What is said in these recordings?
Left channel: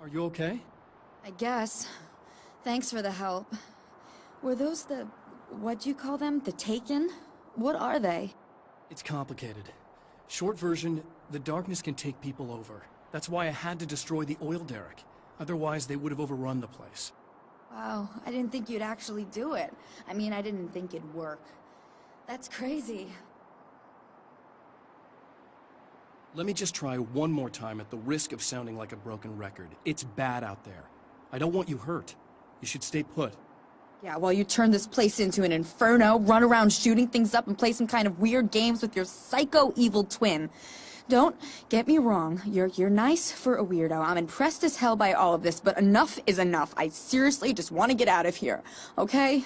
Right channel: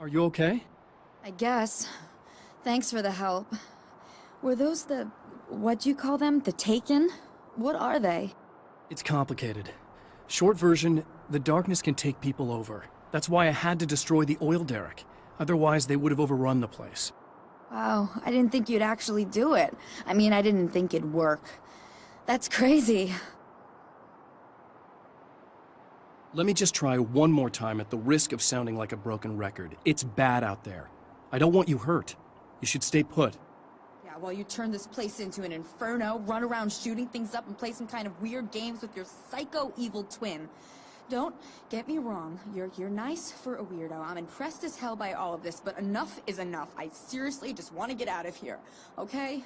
Are you okay? I guess. Thanks for the help. Were those what'd you call them? The Taken? What are they? It's complicated. Short version, the darkness can take people over. That's why I had to destroy the oil derrick. Otherwise, they would have overrun the place. Wow, I didn't think you'd actually do it. I mean, I didn't think it'd work. That's crazy. Let me just try one more time at the risk of sounding like a broken record. It's bad out there. I don't want you hurt. You should stay put. Yeah, while you turn this place into an inferno, run around shooting things up and play some kind of weird games with your psycho evil twin. Don't get me wrong, you're nice for a weirdo. I'm impressed as hell by all of this, but enough is enough. I seriously just want to get out of here, okay?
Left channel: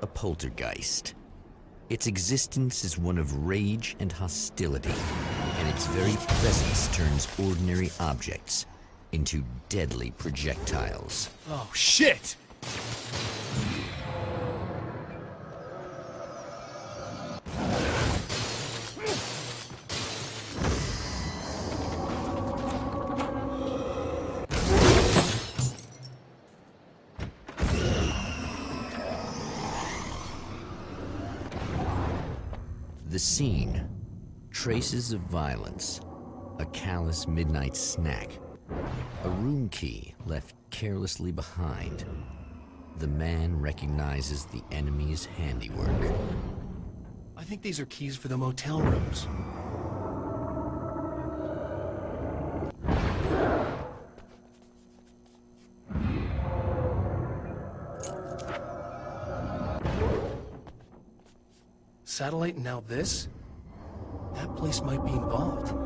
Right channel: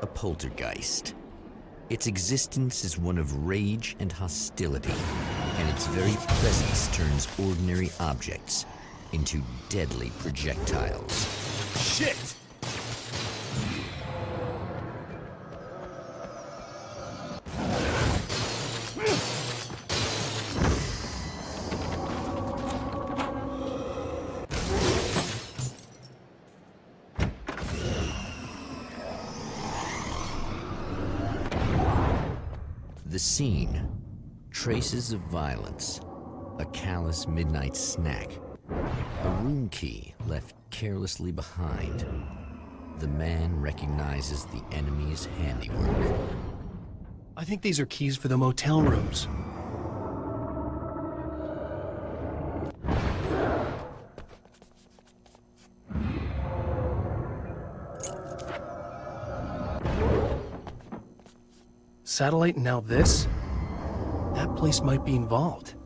A poltergeist. Its existence is one of rage and hostility, and its very presence turns ordinary objects into deadly projectiles. Oh, shit! The scene, traces of violence, a callous midnight snack, a room key left carelessly behind. The man recognizes the enemy's handiwork. I think these are keys for the motel rooms. Satellite and now this? That place might be involved.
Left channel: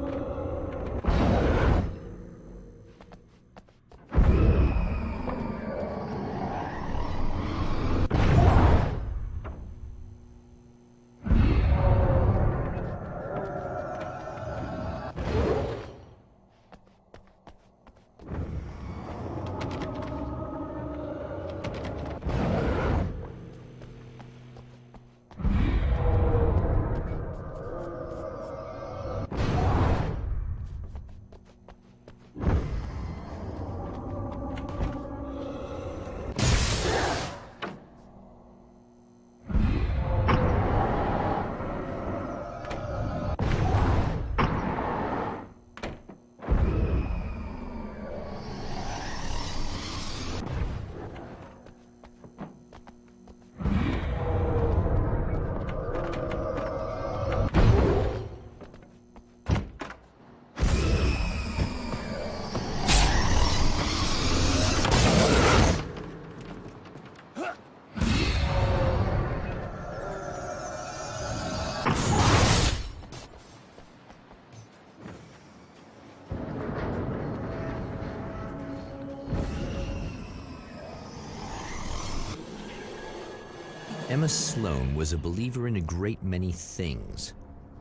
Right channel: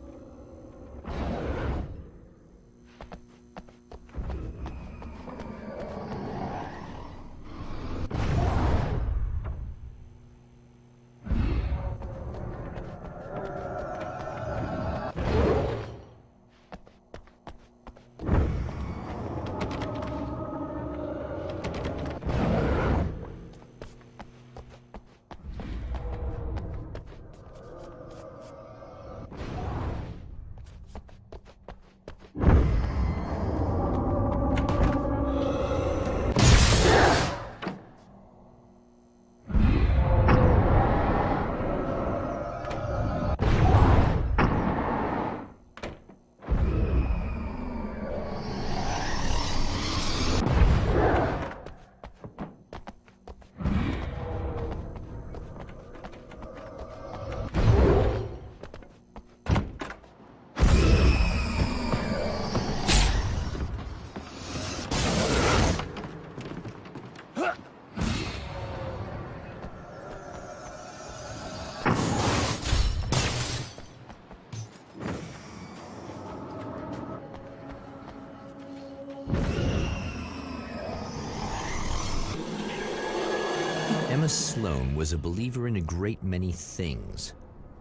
Emma Sloan was a believer in a great many things,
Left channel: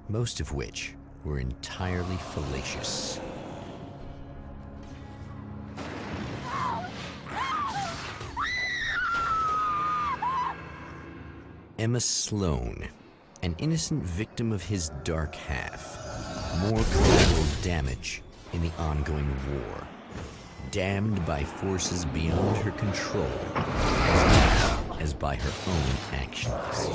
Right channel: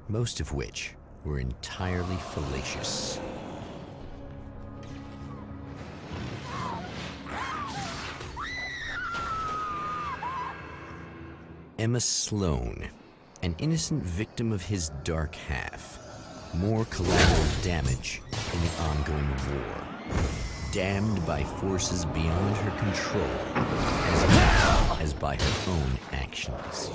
most of which were entirely fallacious. Emma Sloan, an innocent victim of his dark half. More collateral damage in the ongoing war. Damned by forces beyond her control, as much as by her own actions.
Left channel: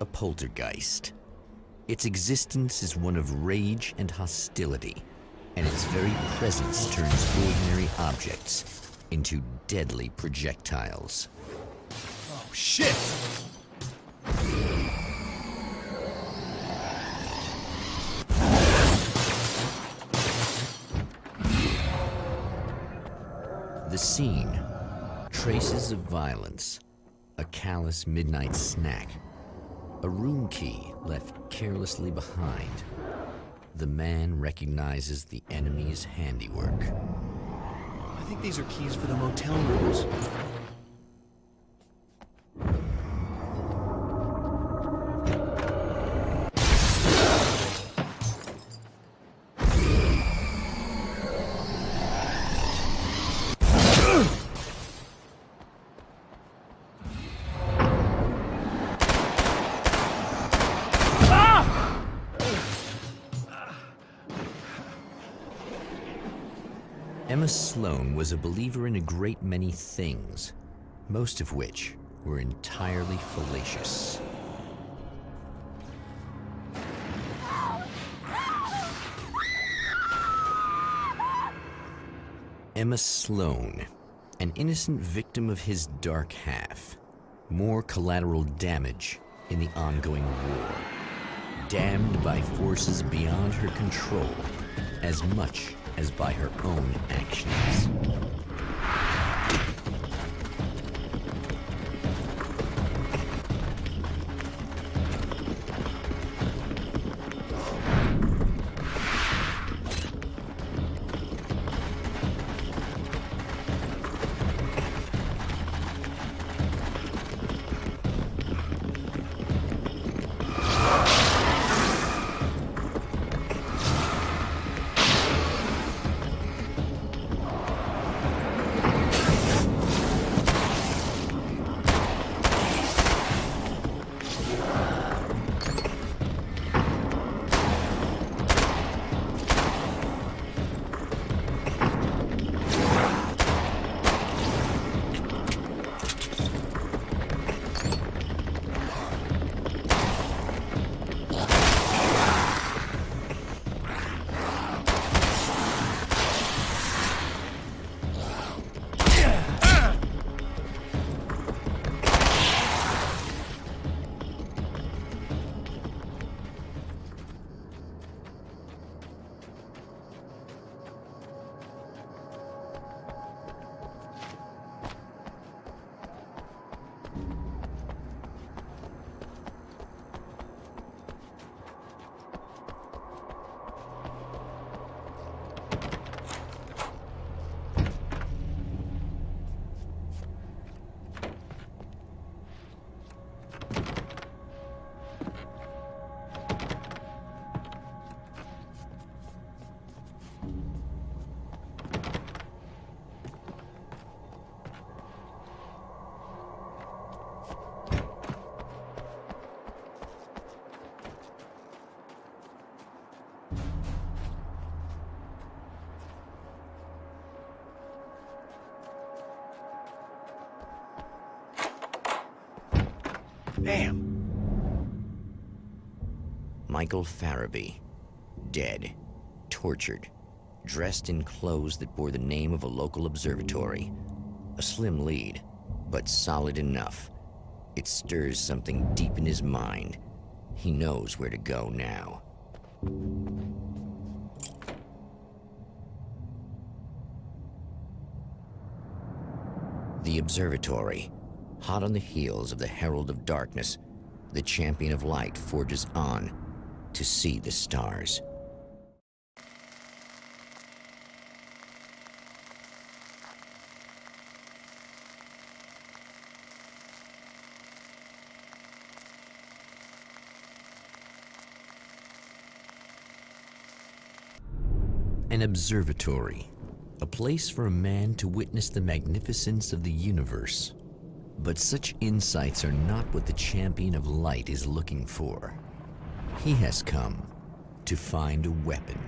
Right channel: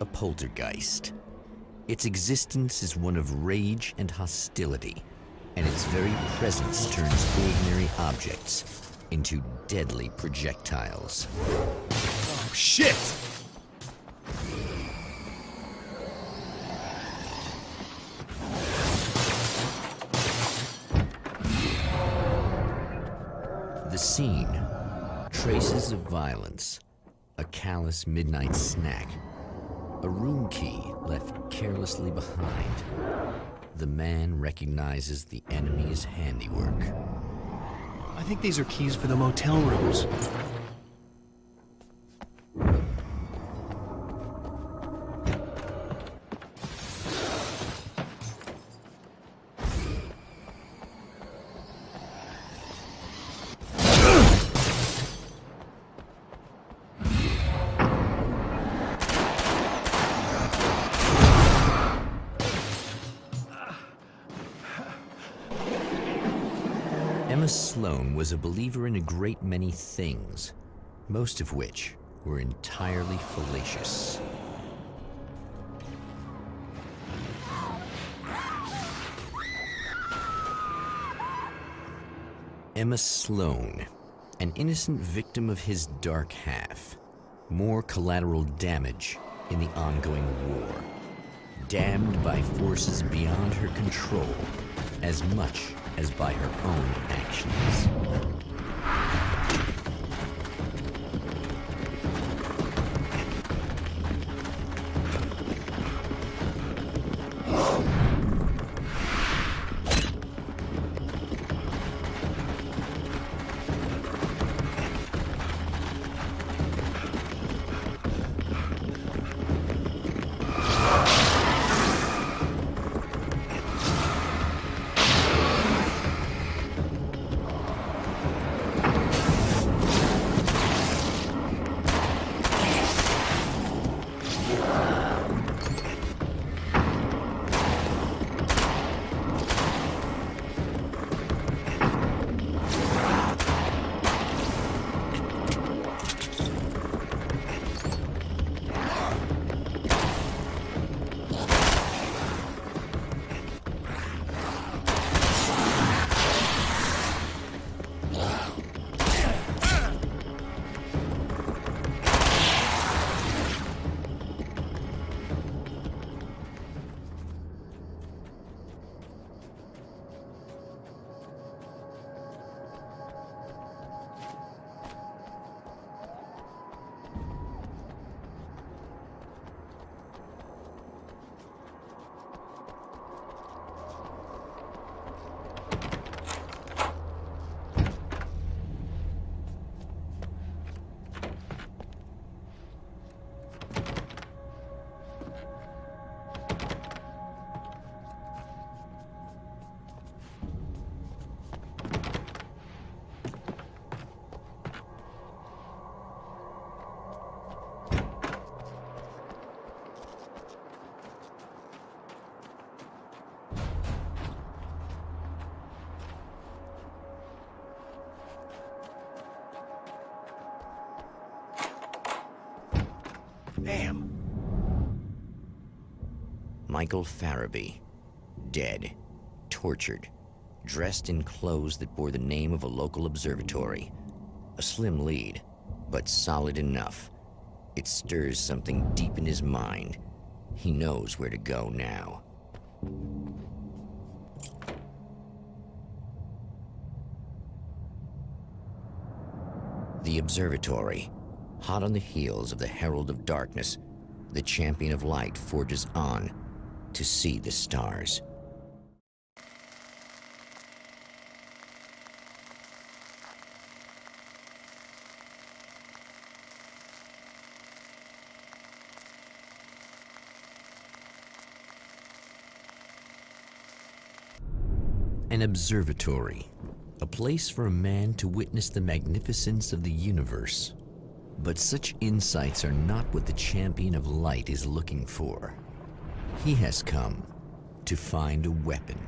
A poltergeist. Its existence is one of rage and hostility, and its very presence turns ordinary objects into deadly projectiles. Oh, shit! The scene. Traces of violence. A callous midnight snack. A room key left carelessly behind. The man recognizes the enemy's handiwork. I think these are keys for the motel rooms. Emma Sloan was a believer in a great many things, most of which were entirely fallacious. Emma Sloan, an innocent victim of his dark half. More collateral damage in the ongoing war. Damned by forces beyond her control, as much as by her own actions. Damn. Michael Farabee, dead, tortured, dressed in clothes that bore the name of a local observatory. A slim lead, but solid enough. It stirs something deep in his mind. He knows where to go now. The observatory. Hot on the heels of the Herald of Darkness, the Champion of Light forges on to see the stars. An observatory, a place for a man to witness the magnificence of the universe. But such insights are not what the Champion of Light is looking for. He has come to find a weapon.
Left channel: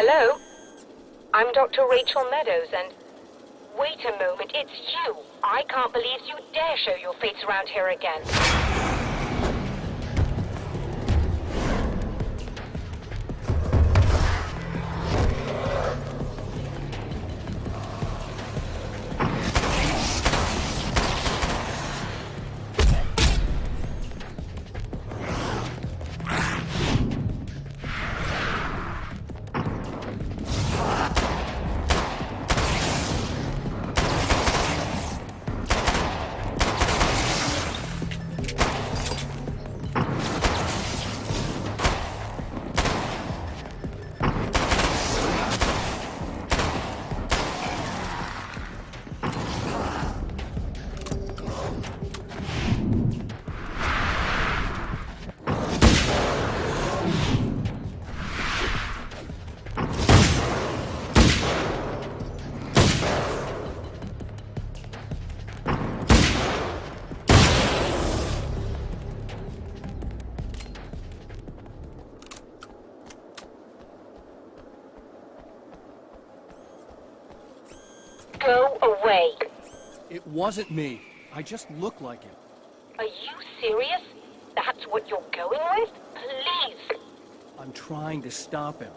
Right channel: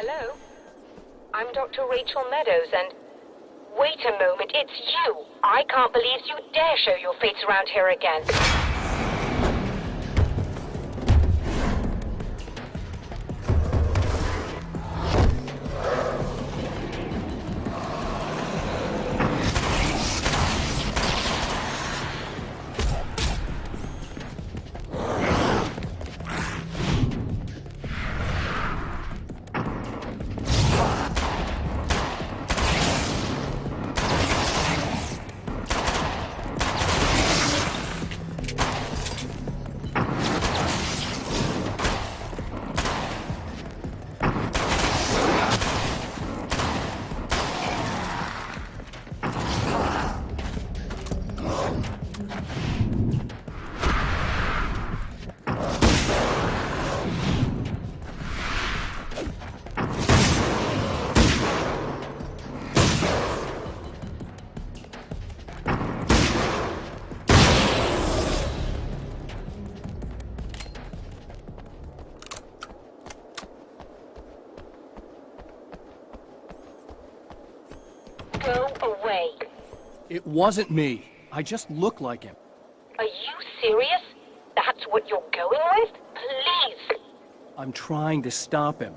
Hello? I'm Dr. Rachel Meadows, and... Wait a moment, it's you! I can't believe you dare show your face around here again. Go away. It wasn't me. I just look like him. Are you serious? That's what you're going with? Please. I'm trying to stop him.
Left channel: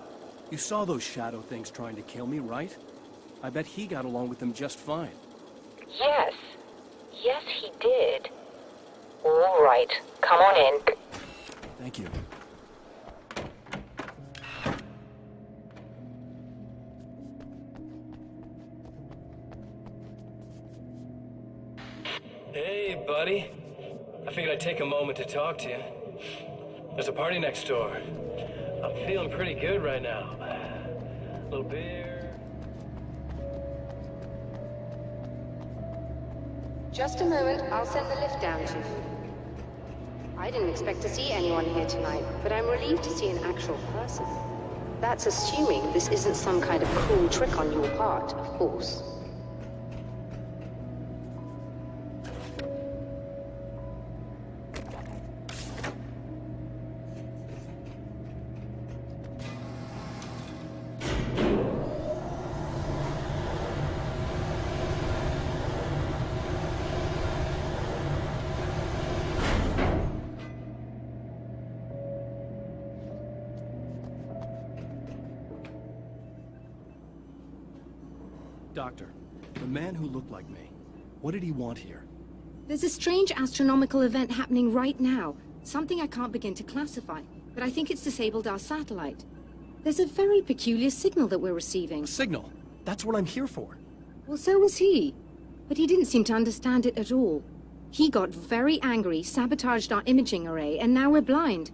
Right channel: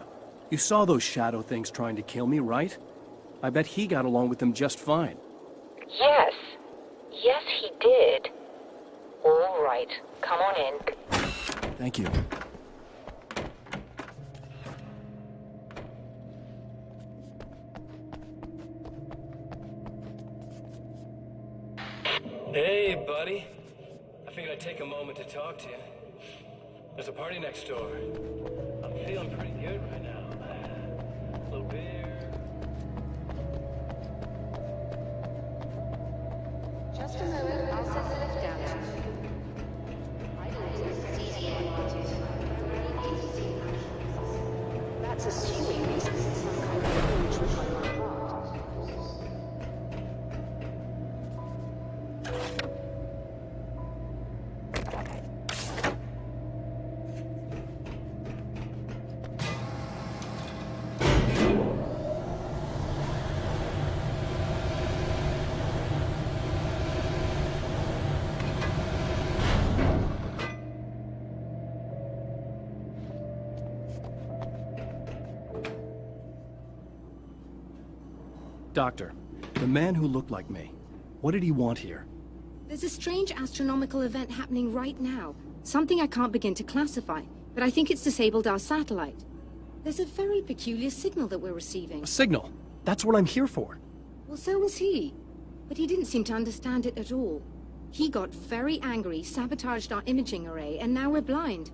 You saw those shadow things trying to kill me, right? I bet he got along with them just fine. Yes. Yes, he did. All right. Come on in. Thank you. Hey, buddy. I figured I'd take a moment to talk to you. There's a party next door. I'm feeling pretty good right now. A little beer. Just a moment, I'll send the lift down to you. I didn't expect to see anyone here tonight, but I'm relieved to see an actual person. That's assuming this isn't some kind of cool trick on your part, of course. Doctor, the man who looked like me, what did he want here? There's a strange astronomical event happening right now. Something I can't begin to classify, but I think it's disabled our satellite. There's a very peculiar signal that we're receiving. A signal? That's what I'm here for. Well, so was he. But he didn't seem to understand it at all. He got very angry, sabotaged our imaging array, and now we're blind.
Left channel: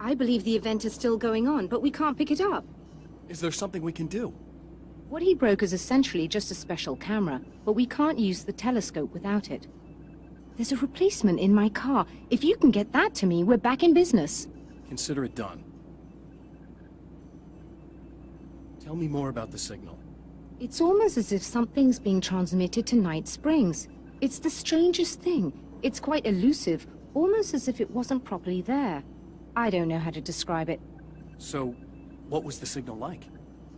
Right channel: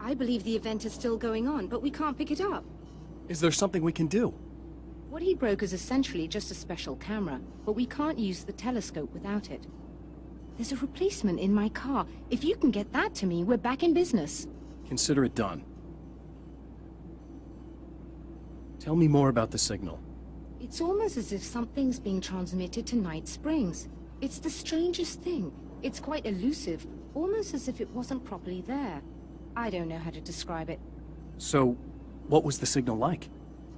I believe the event is still going on, but we can't pick it up. Is there something we can do? What he broke is essentially just a special camera, but we can't use the telescope without it. There's a replacement in my car. If you can get that to me, we're back in business. Consider it done. Tell me more about the signal. It's almost as if something's being transmitted to Night Springs. It's the strangest thing. It's quite elusive, almost as if it wasn't properly there. I don't know how to describe it. So, what was the signal like?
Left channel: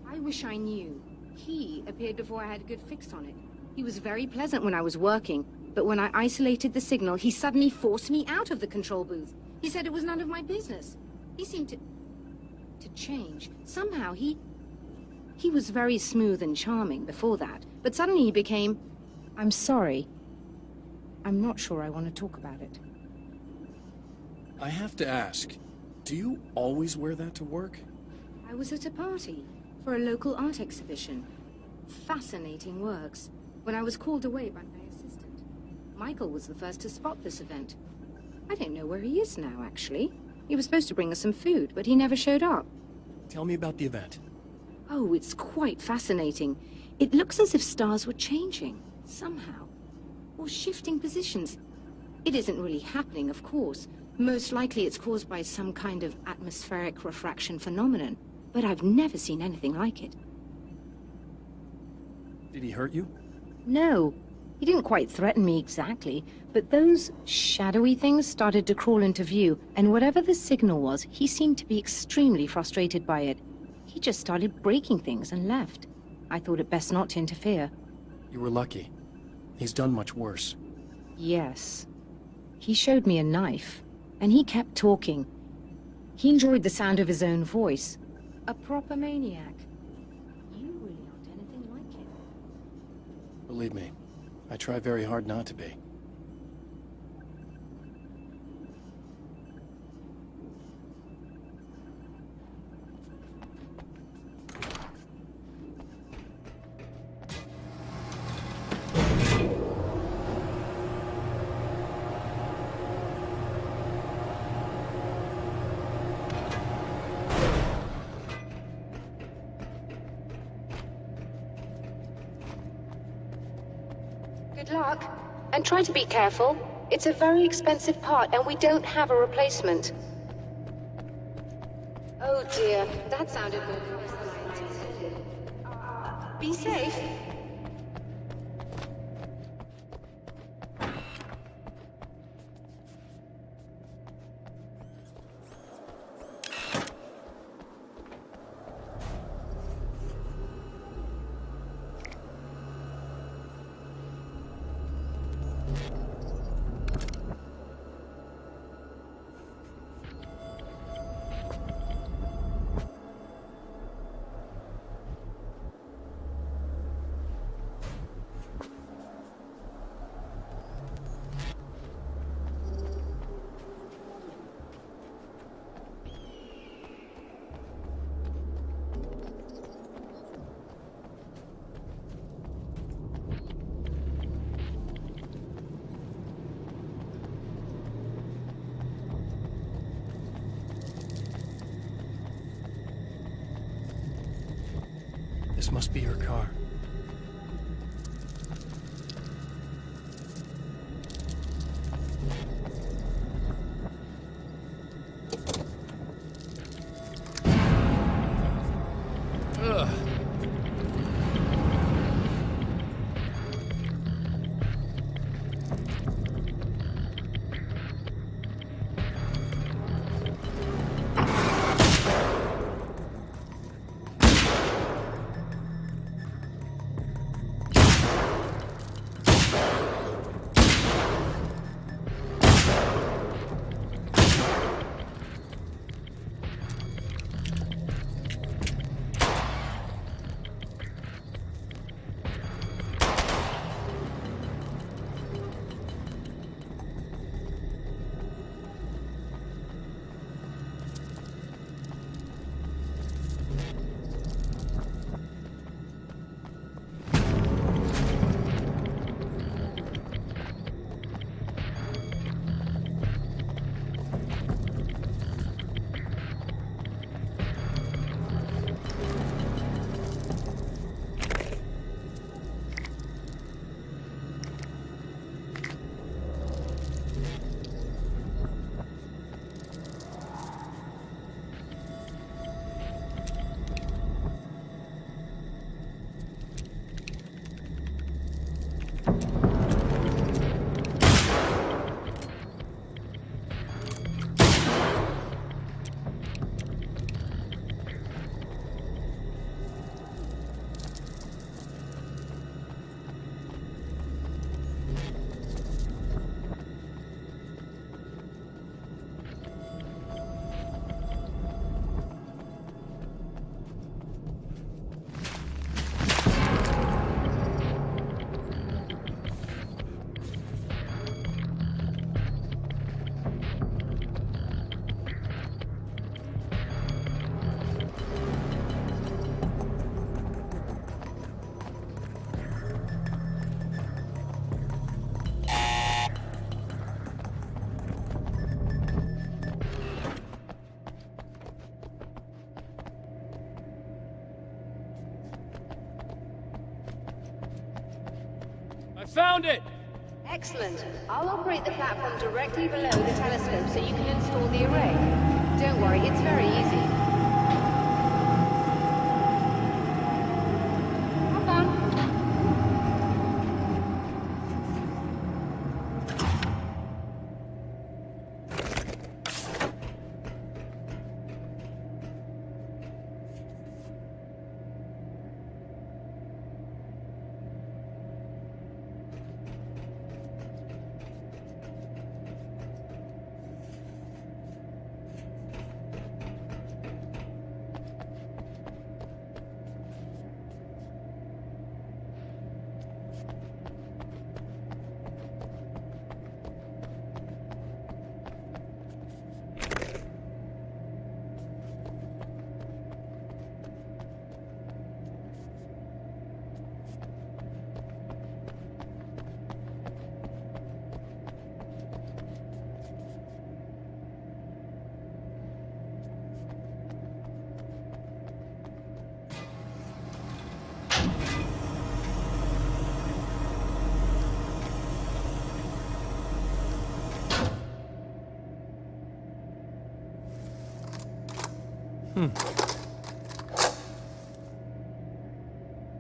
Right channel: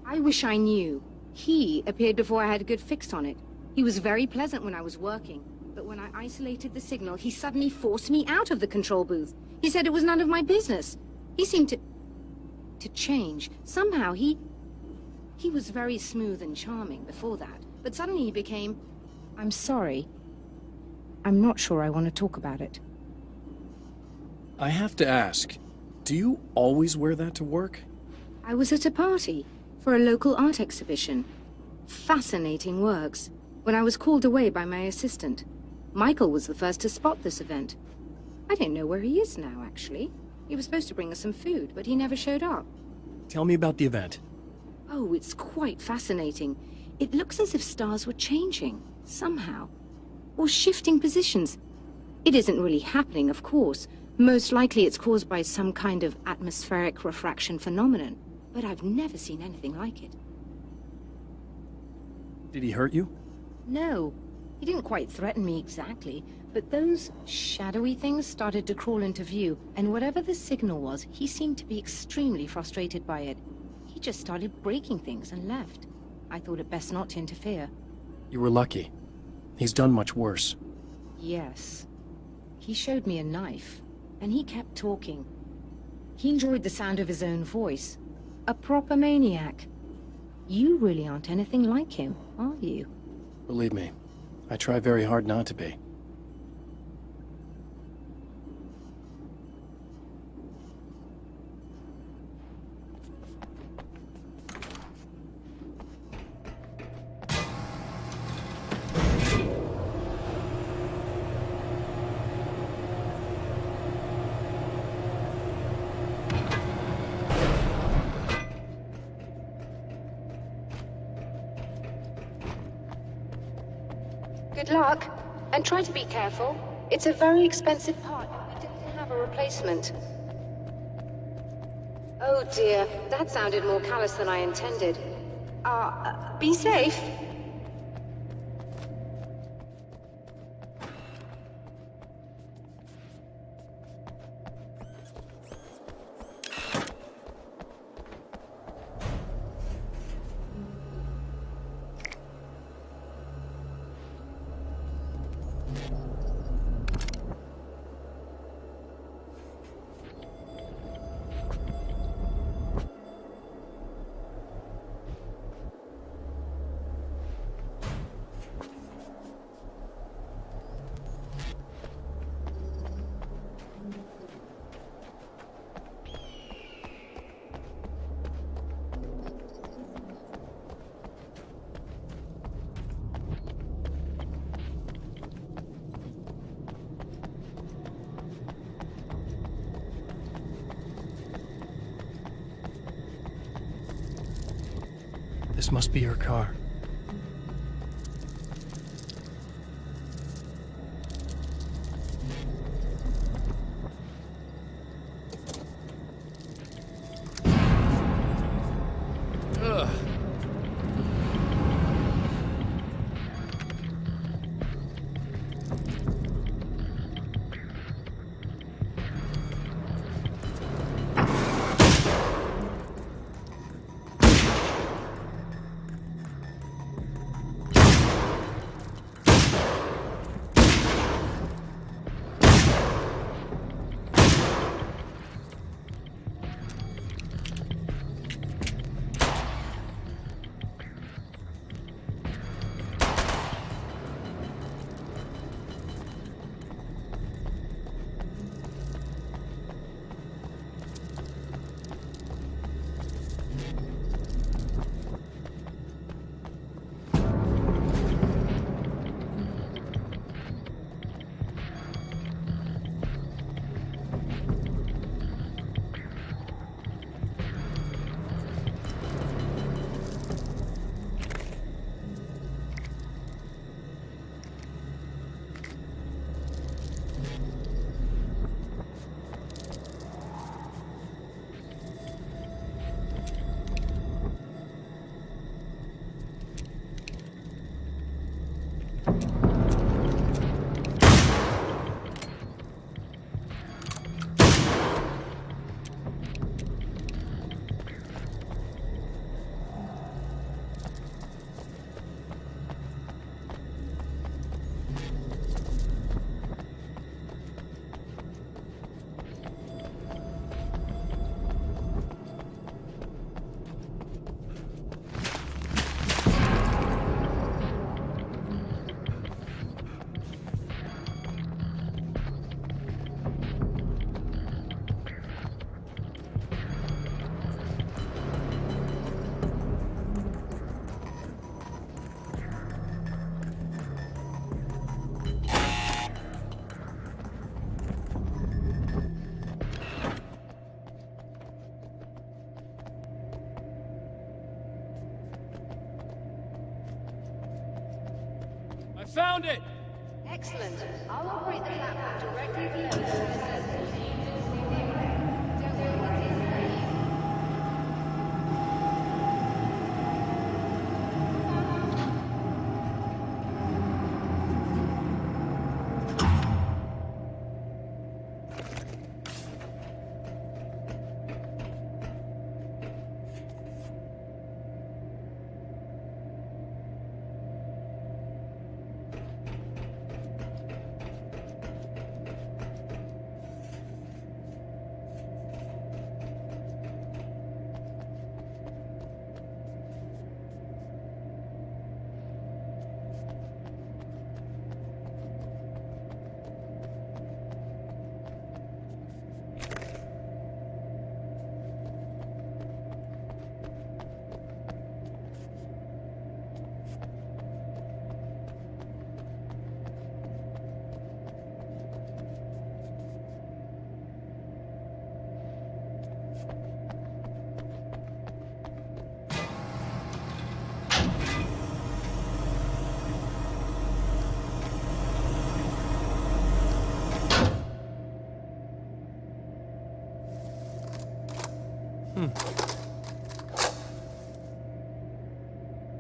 I wish I knew. He appeared before I had a good fix on it. He was very pleasant when I was working, but when I isolated the signal, he suddenly forced me out of the control booth. He said it was none of my business. He seemed to change. Somehow he was very smooth and charming before that, but suddenly he became... I'm sorry. I'm not sure I want to talk about it. I have to ask, do you always wear that to work? I was at a party for a local art exhibition. Fascinating works. When I was called away by my assistant. Michael was the first to spot this event. I don't know where he is now, actually. He was supposed to bring us some food, but he never showed up. Tell me about the event. Oh, it's quite fascinating. It looks as if stars were changing, somehow. Or shifting positions. It isn't really happening, of course. Most likely it's caused by some kind of atmospheric refraction phenomenon. But I've never seen anything like it. Did he hurt you? No. He didn't quite threaten me exactly, but those shadowy things started to crawl into view, and whatever the signal was, he seemed to be extremely frustrated by it. He just started breaking things and left. I thought it best not to interfere. You were lucky. He's done much worse. Yes. He showed me a knife, and he kept talking. He enjoyed the sound of his own voice. A proper maniac. You really aren't anything like him, are you? Believe me, I try very hard not to be. Good luck. And try to be careful. It's only a part, and we don't have a replacement. Oh dear, that sounded more callous than I intended. Be safe. This must be her car. found it! Excellent. I'll operate the platform directly below the telescope so you can install the array. Don't worry, it's very easy. Hop on.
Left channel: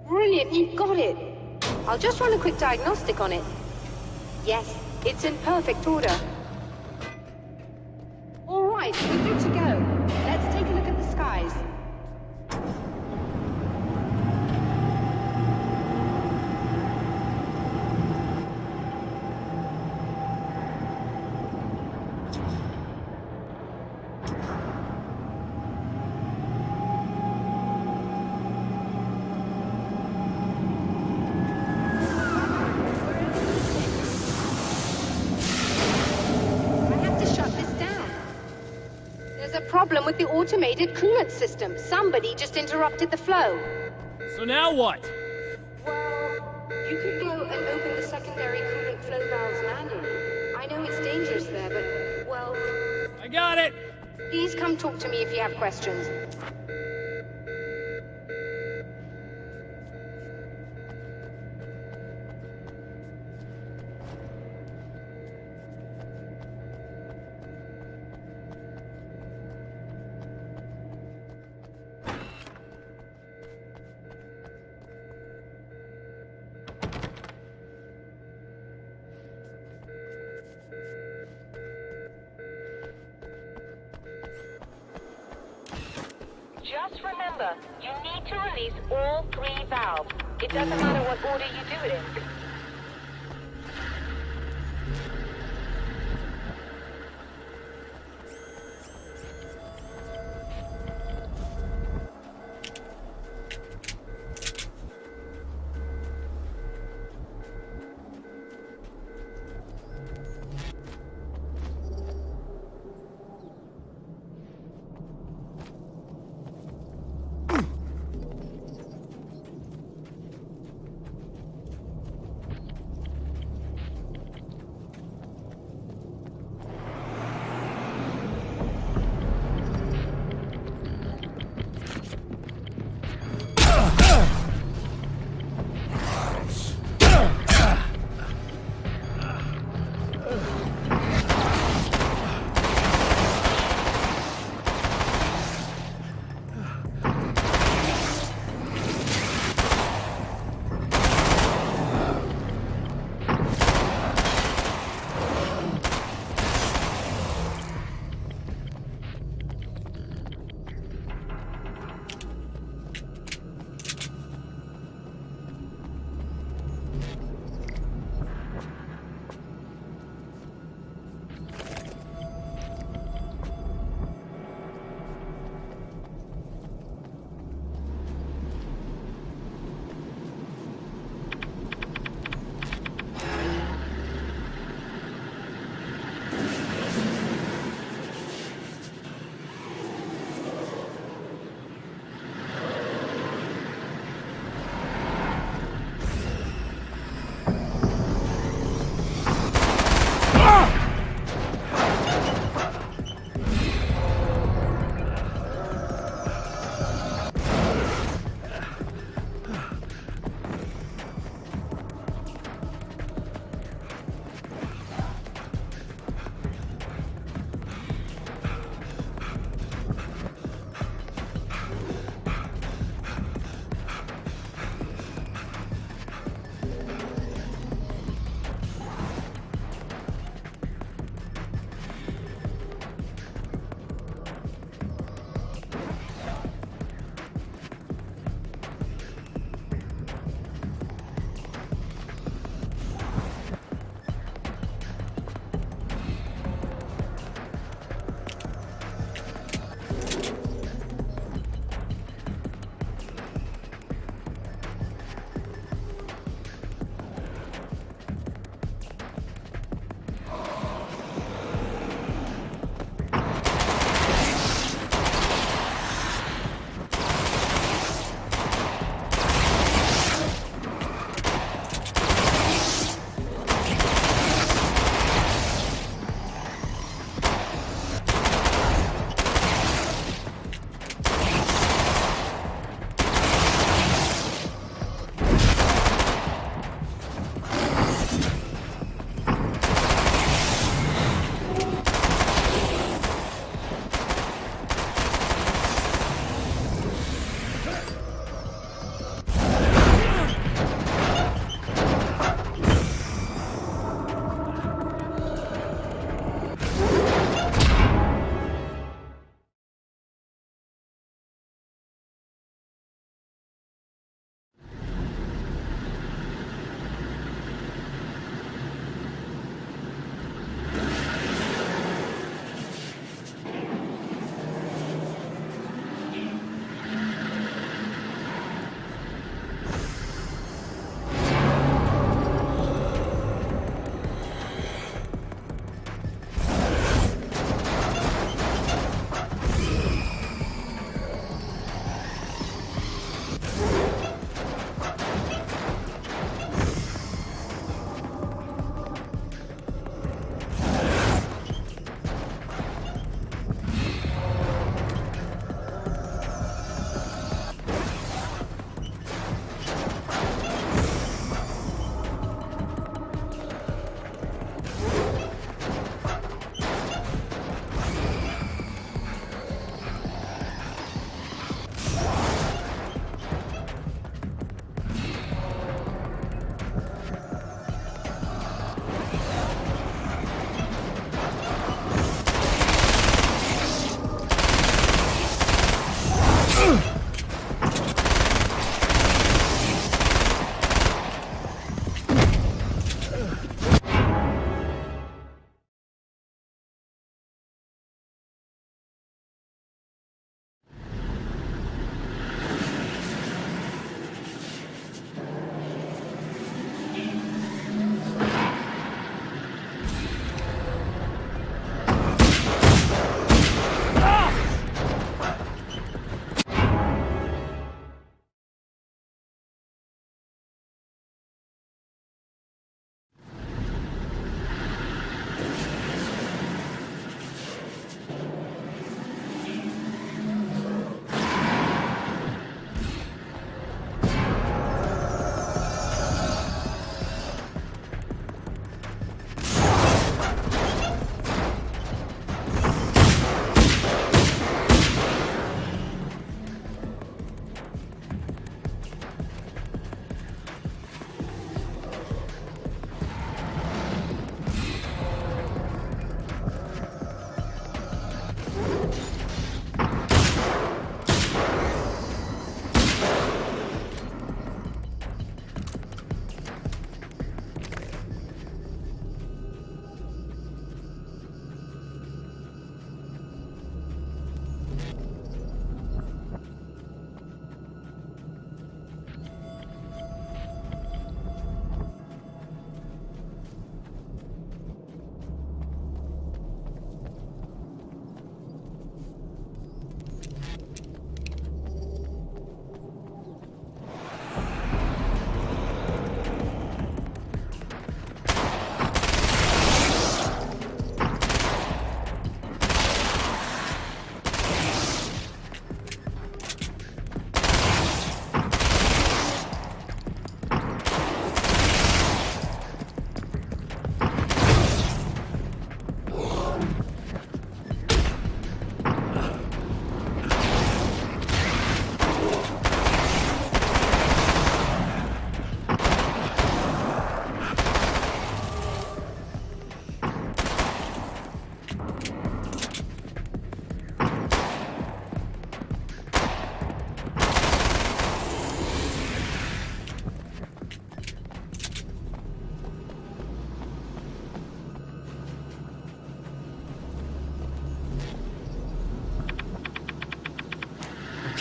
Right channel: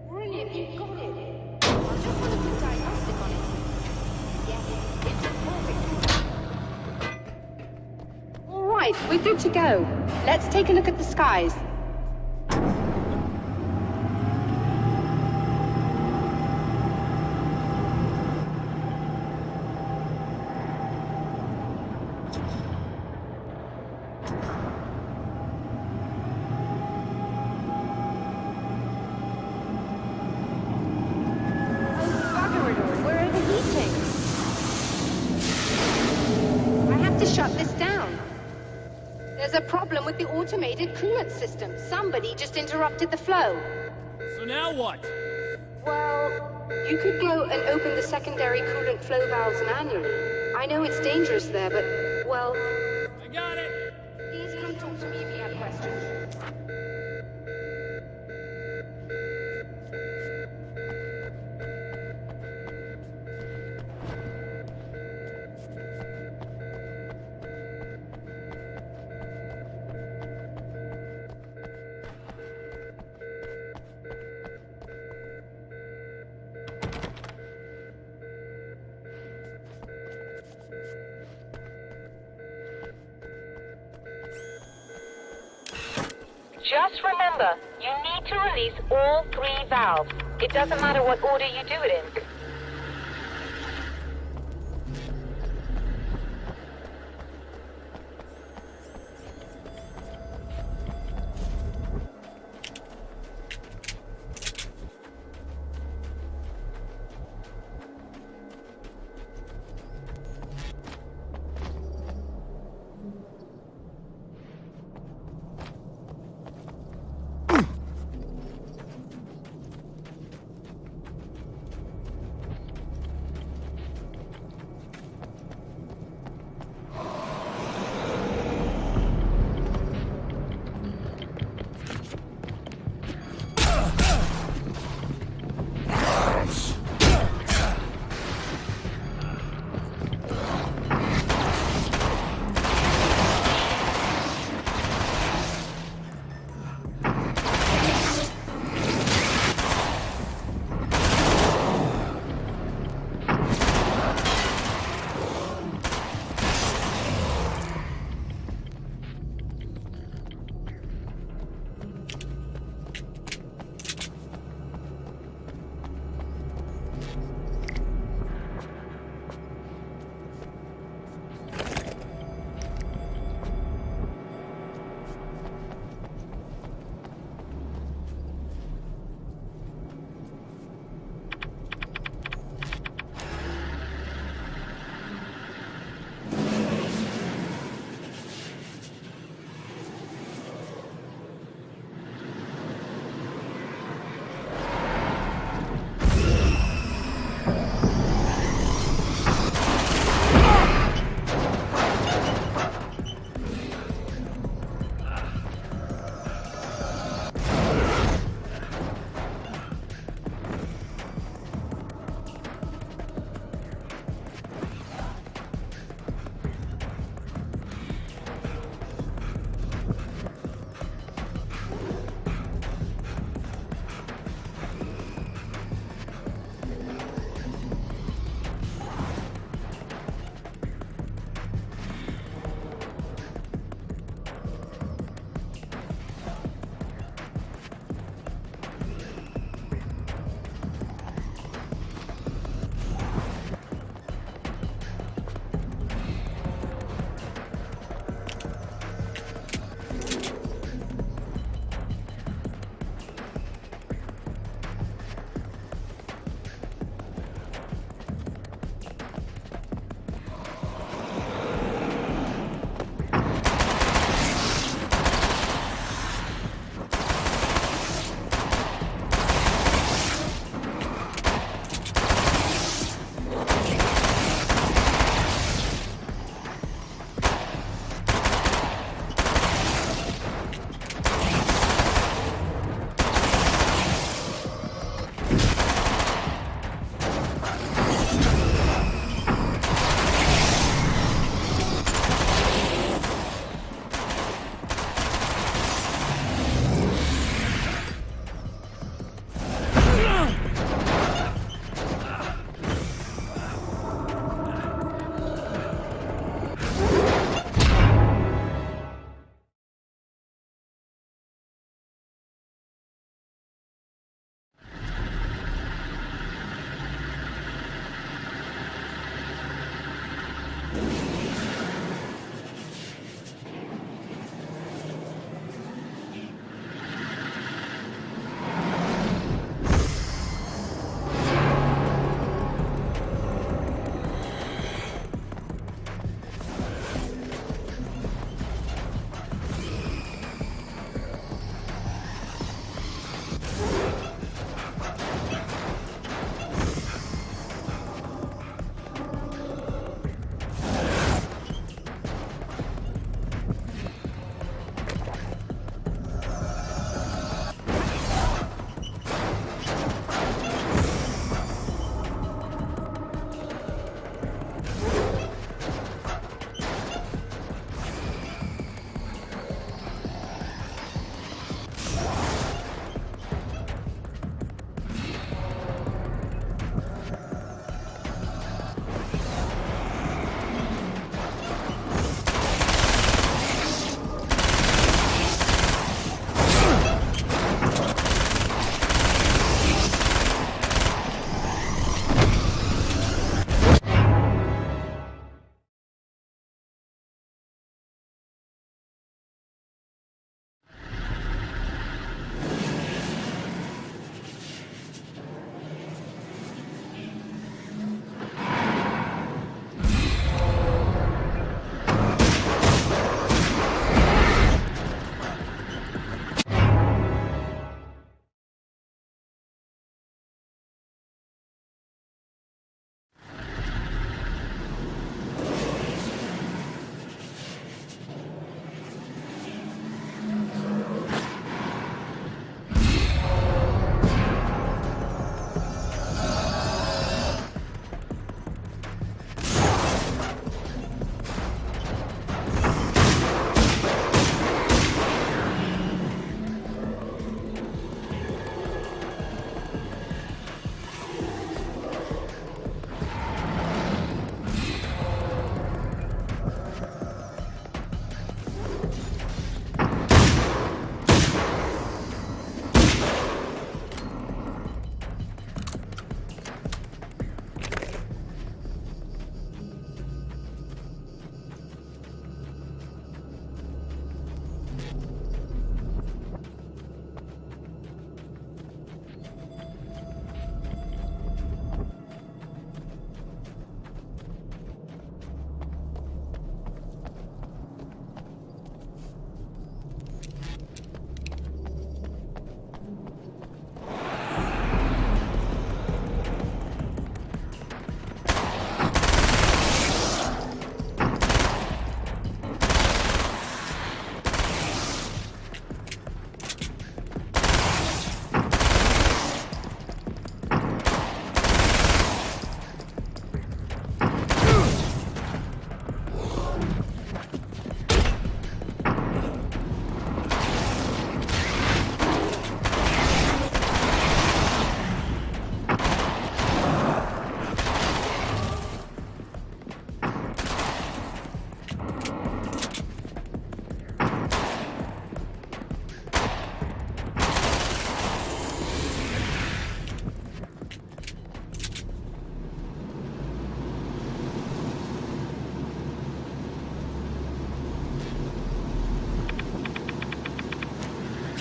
Brilliant, you've got it. I'll just run a quick diagnostic on it. Yes, it's in perfect order. All right, we're good to go. Let's take a look at the skies. Shut this down. There's a problem with the automated coolant system. Somebody just interrupted that. So now what? Well, you could go and open the secondary coolant flow valves manually. I know it's dangerous there, but, well... I got it! Please come talk to me if you have questions. Just remember, you need to release all 3 valves. It doesn't matter what order you do it in.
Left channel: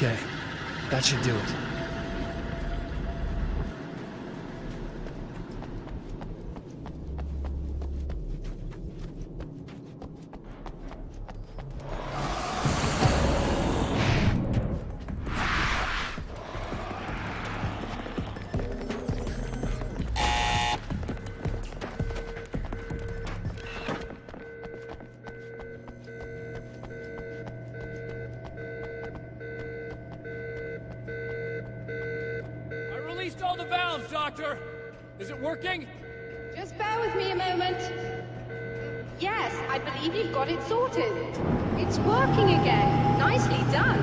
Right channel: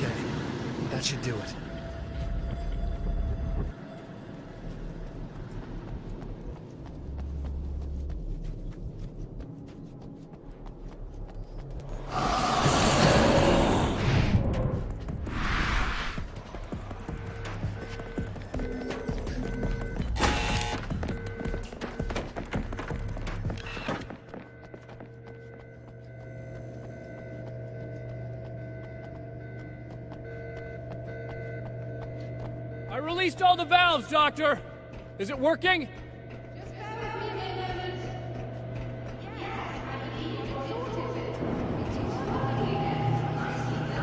Okay, that should do it. I released all the valves, Doctor! Is it working? Just bear with me a moment. Yes, I believe you've got it sorted. It's working again. Nicely done.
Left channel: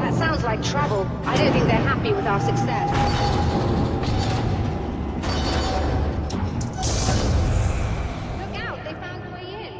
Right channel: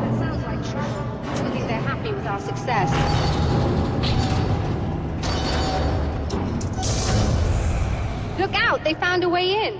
That sounds like trouble. I don't think they're happy with our success. Look out, they found a way in.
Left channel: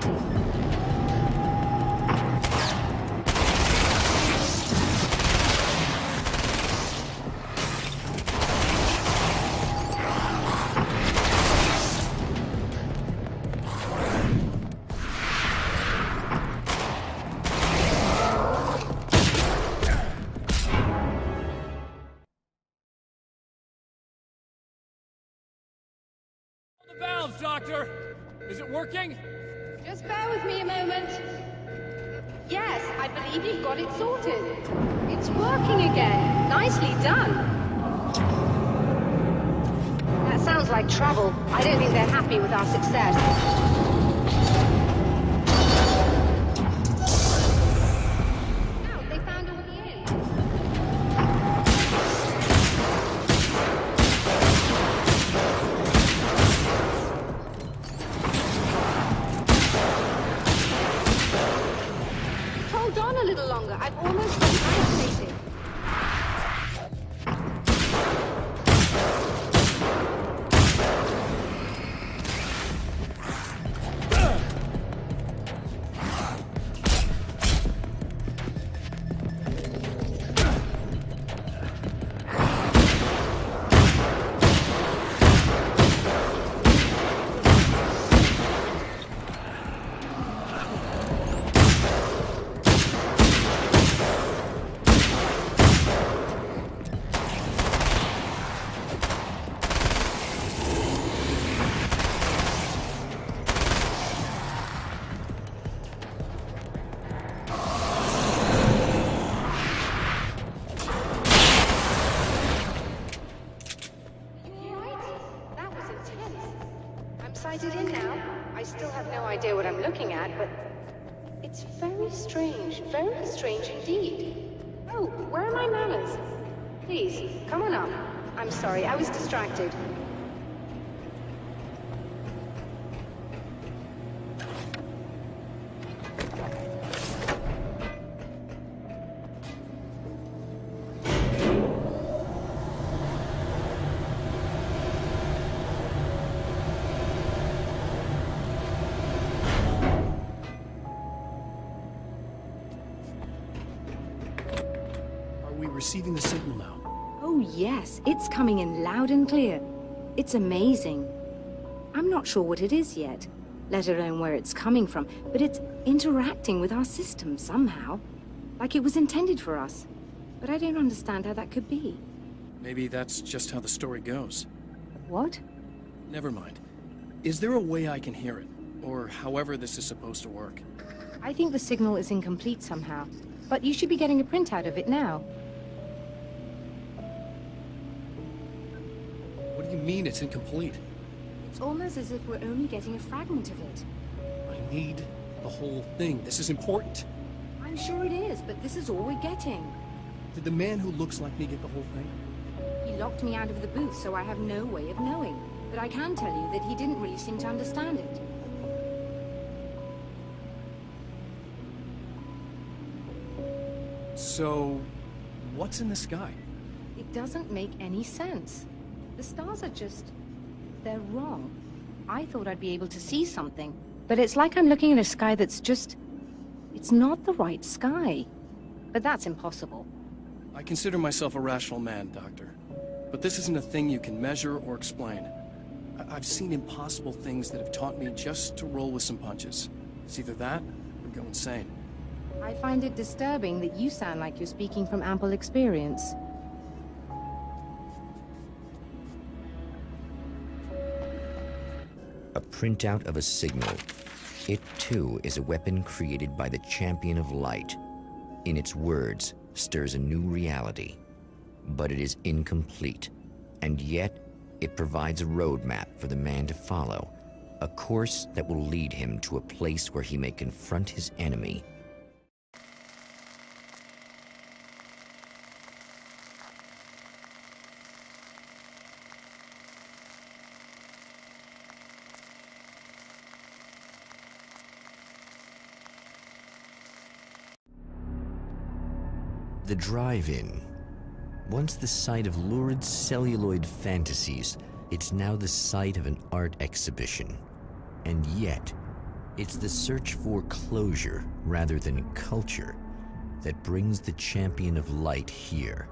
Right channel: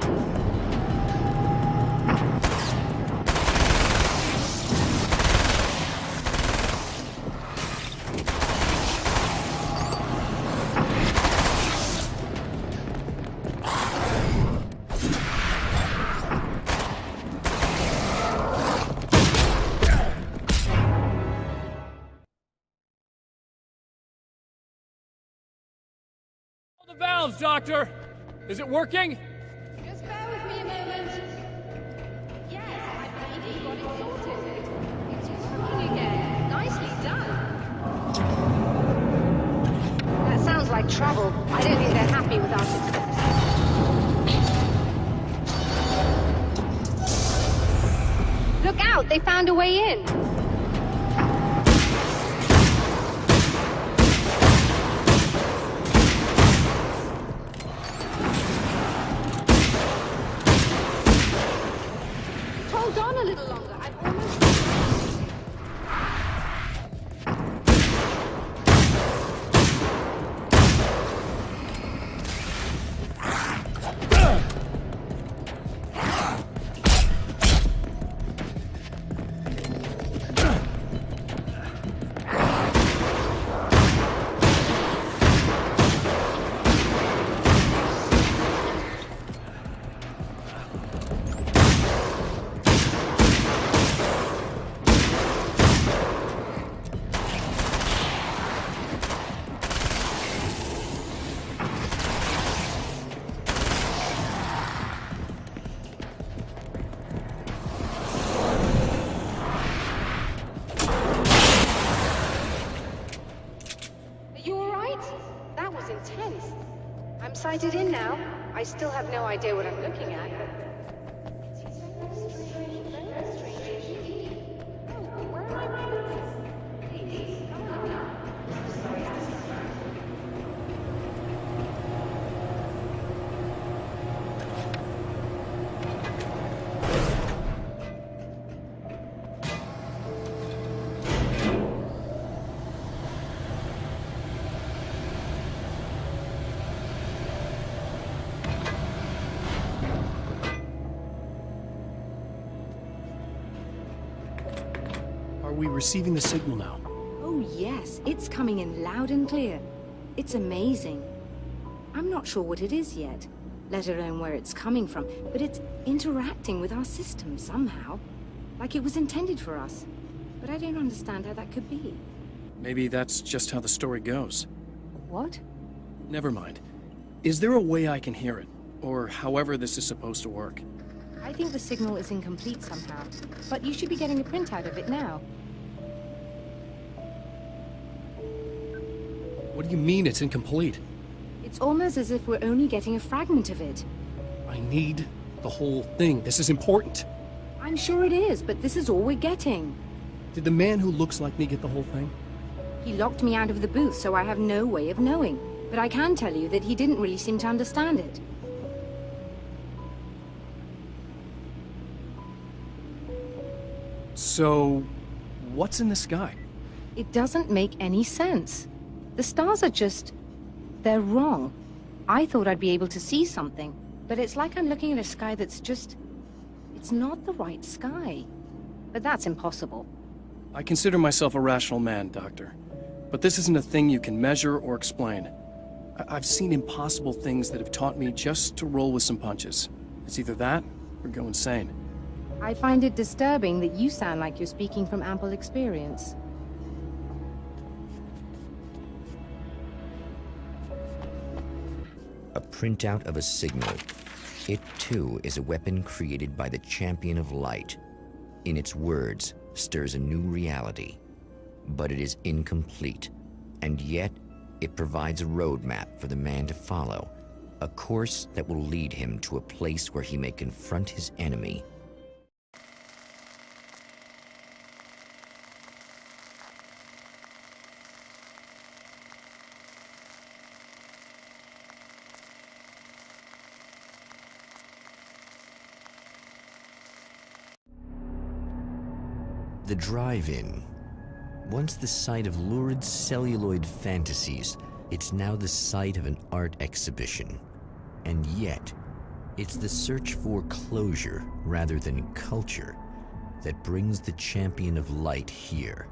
All the valves, Doctor! Is it working? Just bear with me a moment. Yes, I believe you've got it sorted. It's working again. Nicely done. Success. Look out, they found a way in. Very strange indeed. Oh, where are my manners? Please, come on up. I'm sorry, I was distracted. Are we receiving the signal now? Oh yes, it's coming in loud and clear. It's amazing. I'm not sure what it is yet, let alone where it's coming from, but it's interacting with our system somehow. Like it was intended for us. But I don't understand how that could be. Maybe that's just how the story goes. What? Never mind. Is there a way I can hear it? Or however this is supposed to work? I think the signal is incomplete somehow, but you should be getting a printout of it now. What do you mean it's incomplete? It's almost as if we're only getting a fragment of it. I need the whole thing. This is important. I'm sure it is, but this is all we're getting. Did the man who looks like me get the whole thing? He locked me out of the booth, so I have no way of knowing. But I can tell you that he didn't really seem to understand it. So, what's in the sky? It doesn't make any sense. The stars are just... they're wrong. I thought I'd be able to see something, but it's like I'm looking at a sky that's just... it's not the right sky. But that's impossible. I consider myself a rational man, Doctor. But this isn't a thing you can measure or explain. I've seen impossible things that have taught me just to roll with some punches. It's either that or go insane. I find it disturbing that you sound like you're speaking from ample experience. A printout of a signal. It, too, is a weapon created by the Champion of Light. In its words, stirs a new reality. But it is incomplete, and yet it provides a roadmap for the man to follow, a course that will lead him to a place where he may confront his enemy. The drive-in. Once the site of lurid celluloid fantasies, it's now the site of an art exhibition. And yet, it's the search for closure rather than culture that brings the Champion of Light here.